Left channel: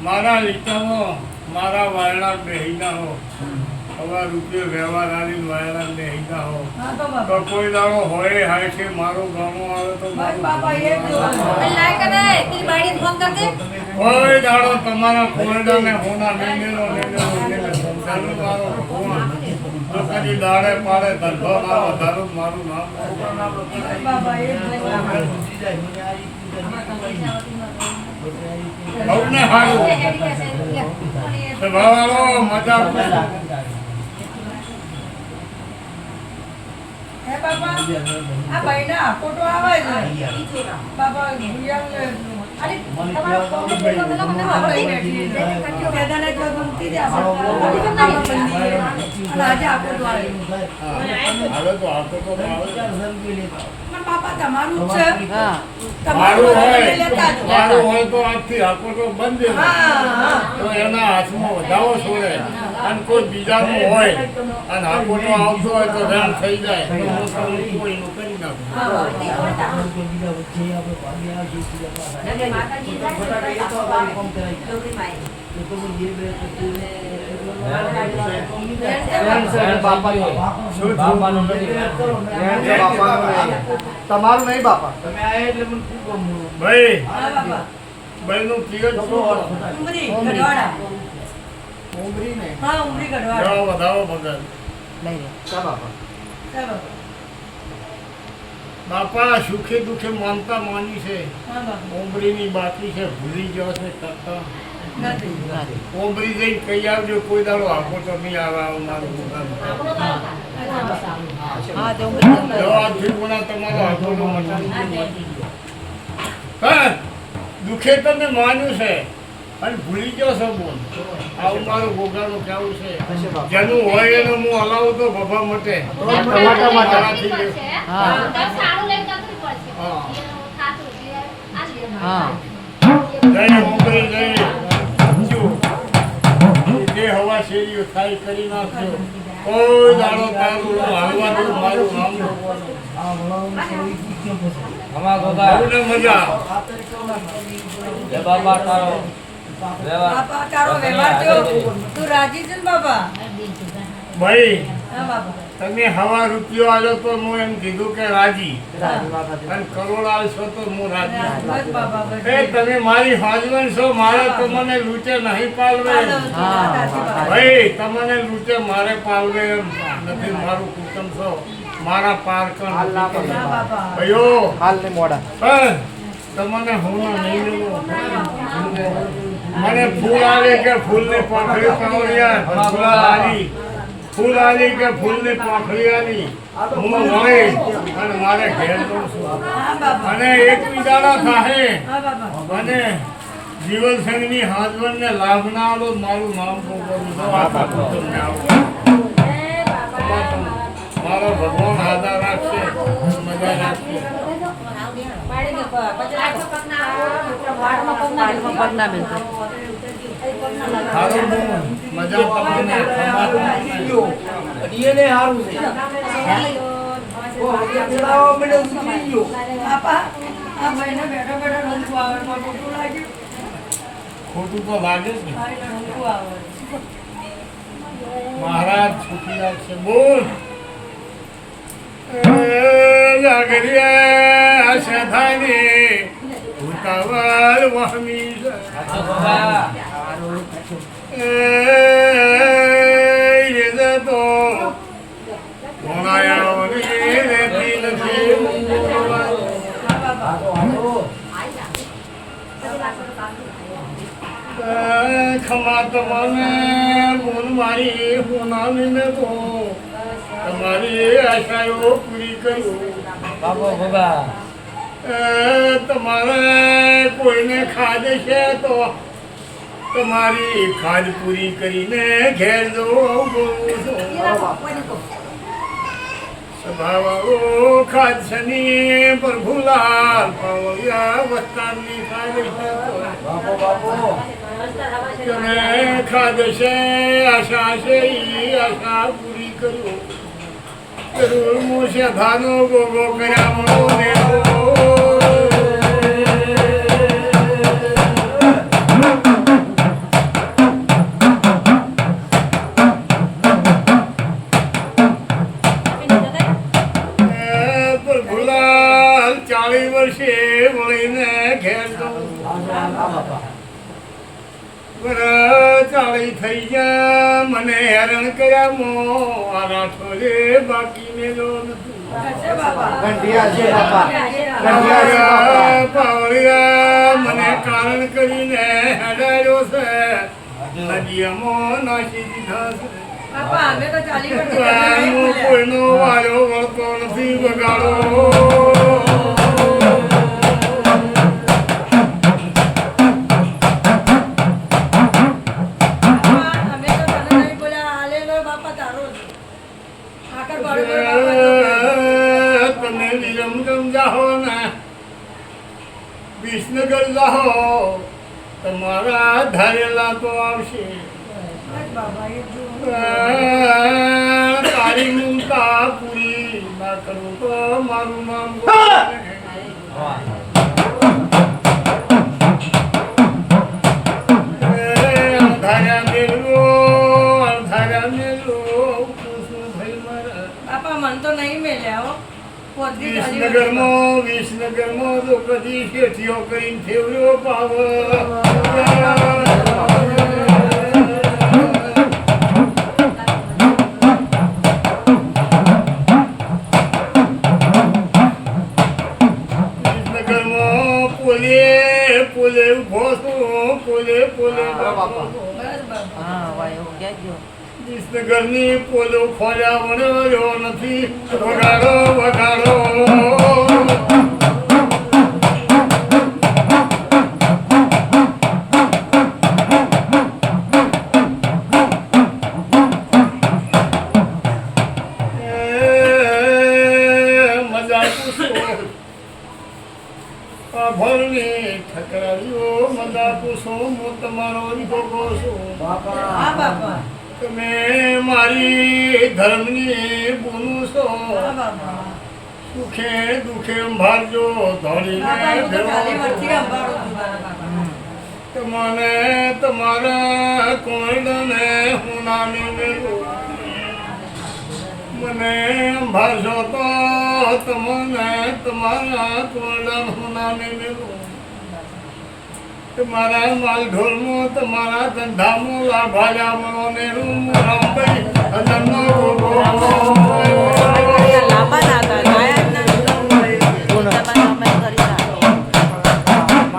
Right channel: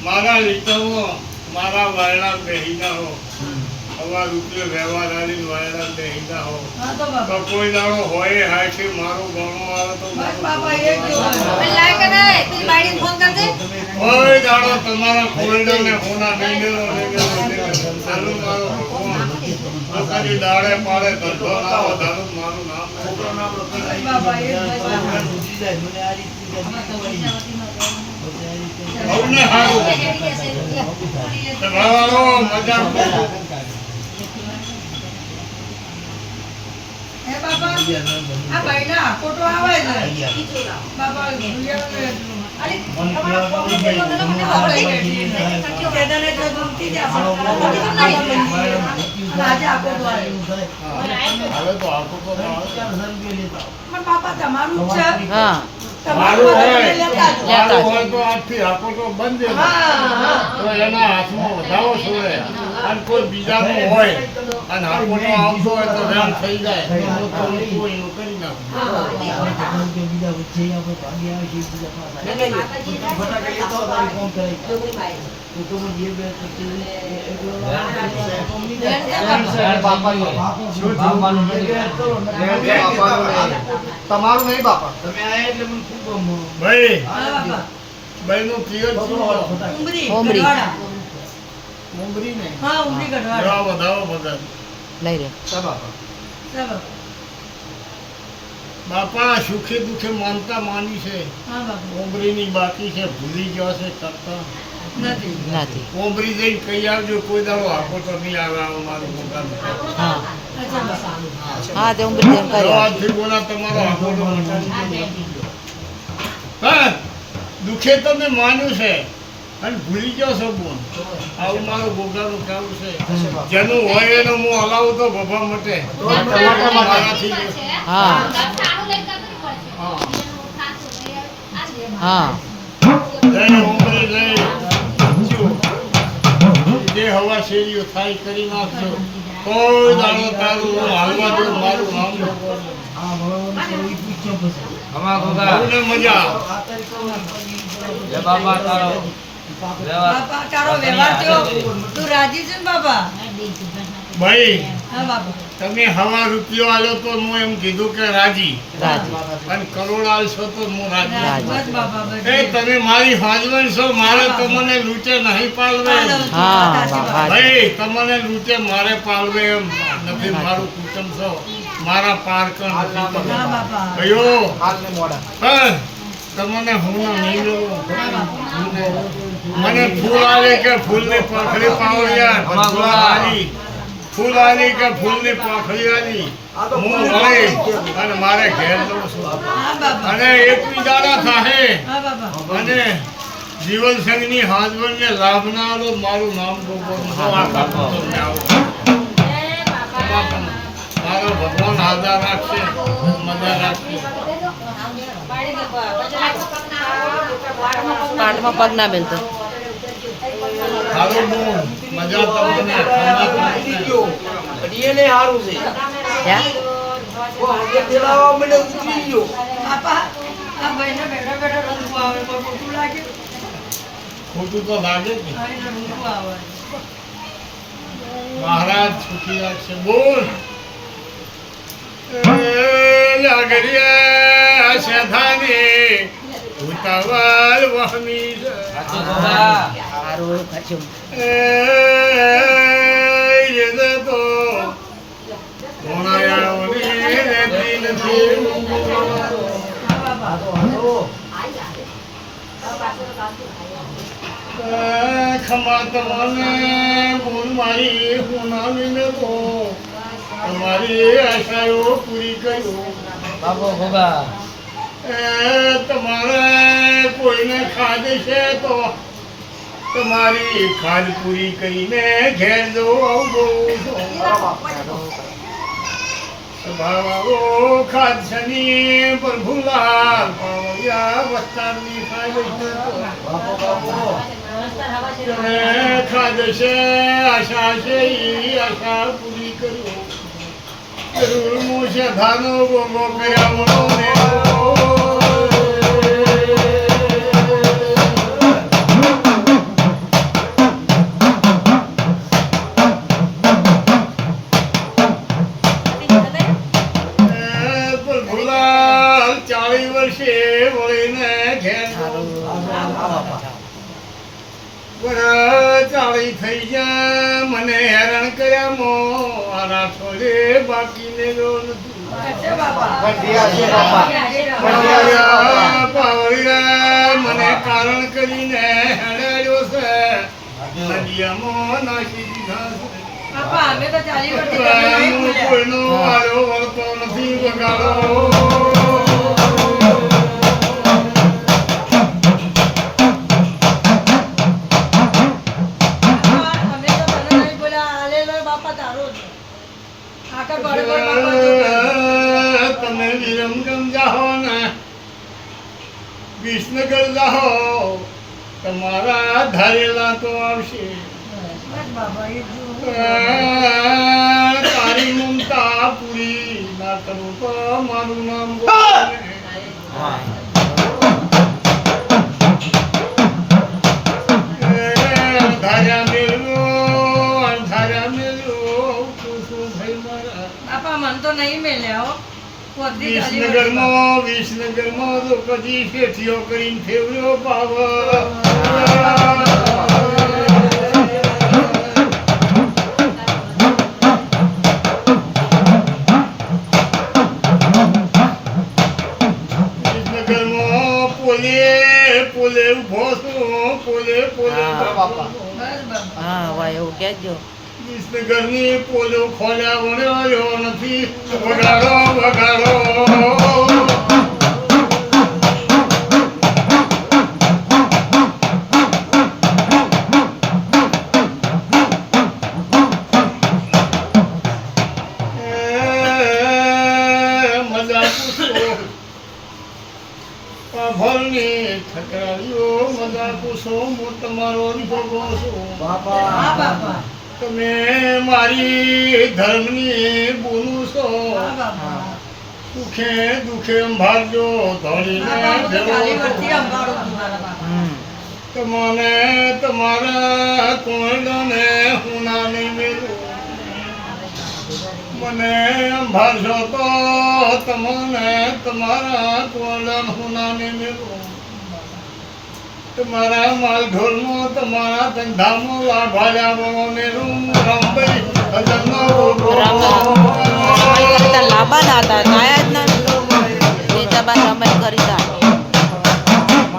મારા લીટાઓ મારા વાયડા બેહીના હો અમાર રૂપિયો વ્યવહાર આવીને વાયડા બેહીના હો તો કોઈ દાડો હોય હાય છે મારો ગણો આવે તો કોઈ દાડો તમારા ખોરડાને હોના નહીં ચાલુ મારો કદી દાડે પાડે ધંધો ના વધારો મારું નામ બહુને હારું ભાવાળો મજા હે બાબા આ ભાઈના ફોટો આવે છે બાબા ભૂલ્યા અરે બાપા તમારું છે મારું હોય તો આજથી આખો તો બંધ તો એના હાથમાં વધાવો છોડે અને કોઈ બીજાનું હોય અને હાકોટો આવતો હોય તો રામ થઈ જાય એનું કરી તમારું નહીં બાપા તમે આયા એટલે મને ખૂબ ભાઈ ભાઈ નું પ્રિય ઉમરી ને હા ઉમરી ગઢવાડા જવા વધાવો ભગત લઈ રે ચાલો બાપા સુખે દુખે માનતા માની છે હા બાપા ઉમરીની બાકી છે ભૂલી ગયો છે કરતા નથી ઉમરી જઈને કહી આવજો કોઈ દાડો આપો તો નહીં આવે આવો મારું મુકામ હા તે ઉમરી આજથી ગુના તમારો આપો તો હા દુખે તમે માન્યું છે અને ભૂલી ગયો છો બોલ આવું મારું ભોગાનું કેવું છે જેનું હોય એનું હું હલાવું તો ભભા મટે મારાથી હા હા જય ઉમરી જય જે હવા શેરીઓ થાય કરી નાખજો કોઈ દાડો તારું હાલવા દો મારું નામ બહુને મજા બાપા તારો વ્યવહાર કેવો તું રાજી છે ને બાપા ભાઈ હા બાપા તમે હવા રૂપિયો આલ્યો તો હું એમ કીધું કે રાજી અને કરોડ આલશો તો હું રાજી બસ બાપા બસ એ તમે મારી હાજવણ છો મારે તમને લૂંટે નહીં પાલવે ભાઈ તમને લૂંટે મારે પાલવે એમ નથી મારું કુટુંબ છો મારા પારકણ નથી તમે ભાઈઓ તમને હું નહીં લેવો મને ફૂલ આલી કે ફૂલની પાંખડી પાવડિયા ફૂલ આલી કે ફૂલની પાંખડી આલી હું વળી અને મારે ઘેર જઉં છું અને એકબીજાના થાય અને જીવન સંઘની હાજવણને લાભ ના આલો મારું નામ ગોપોનું તો આખા તમને આવું મારો ભગવાન હાજર રાખશે મજા રાખશે કાંડમાં પગ ના બેનતો સારું બહુ મજા તમને એને સારું છે બાપા આ ભાઈને બેઠા બેઠા રંગો આવે પણ ખોટું લાગે ખોટું તો લાગે જ ને હા એને રંગો આવે મહારાજ સુખી રાખશે બોલ જાગરિયા શેઠાની ઉતાવળ વહમી રે તો કોણાયાઓની રહેતી નથી ખમા તમને બોલ મારી હોનાવીને તો તમારી આશાઓ પૂરી કર્યો બાપો ભોગા તમારે કોઈને ખાદ છે તો તમારી ખાદ પૂરી કરીને ઘેર જો સ્વભાવો ખાદ શની પર ભૂલા પાવ્યા વસ્તારની ખાદ છે બાપો બાપો તમે ખાદ છે આશા છે ઈ આશા પૂરી કર્યો જરૂર હું છે ધાનો ગોગો કર્યા વળી વર્ષે વળીને ઘેર જઉં છું. વરસ ચાળી થઈ ગયા મને હેરાન કર્યા મો આના છોડે બાકી મેળો નથી. છે બાપા કંઠિયા છે બાપા. પાવળિયા મને કારણ કરીને હેડાડ્યો છે નદીયામાં નાખી દીધા છે. બાપા અમે તો 40 વર્ષથી હું બોલ્યા. કોઈનો વારો વળતો નથી વગાડો. બાપા, અમે તો તને નહીં બોલ્યા. હાલેલો બાપા તારો છે. આખા ઘરે ઘરે બાપા જો કે. તમે વિરમગમ જાહો ને વિસનગર જાહો તમારા ધારેલા તો આવશે. બસ બાપા એ જો. તારી મમતા પૂરી ના કરું તો મારું નામ ગોપાલ. અણધાર્યા મેલો પૂછું ભાઈ મારા. બાપા મન તો નહીં મેલ્યા હો. પોતરી 40 વર્ષ. વિસનગરમાં તો કદી ખેતીઓ કરીને ફેવર્યો પાવ. વિસનગરમાં પોલે ઉભો છું પોલે બસ બાપા. હા ભાઈ એવું કહેજો. વિસનગરની પોલો ખોલ્યા વળ્યો નથી વગાડો વગાડો. મજા પૂછો ભરની ઠકરાવ્યો મજા પૂછો હું તમારો ભોગો છું. હા બાપા બાપા. તમે મારી ધર્મની બોલું છો. હા બાપા. સુખે દુખે અંભારજો ધોળીને બાપા હું તો 40 ભેળો. વર્ષથી અંબાડું છું મારા બાપા. તમને તમારા કોયડાને હું નામે મેળવું. મને અંભારશો તો તમને તમારા કોયડાને હું નામે મેળવું. તમારા માલ ઢોલમાં તમારા ધંધામાં લાભાલ્યા મને રૂમ રામભાઈ હજનનો ગોગો.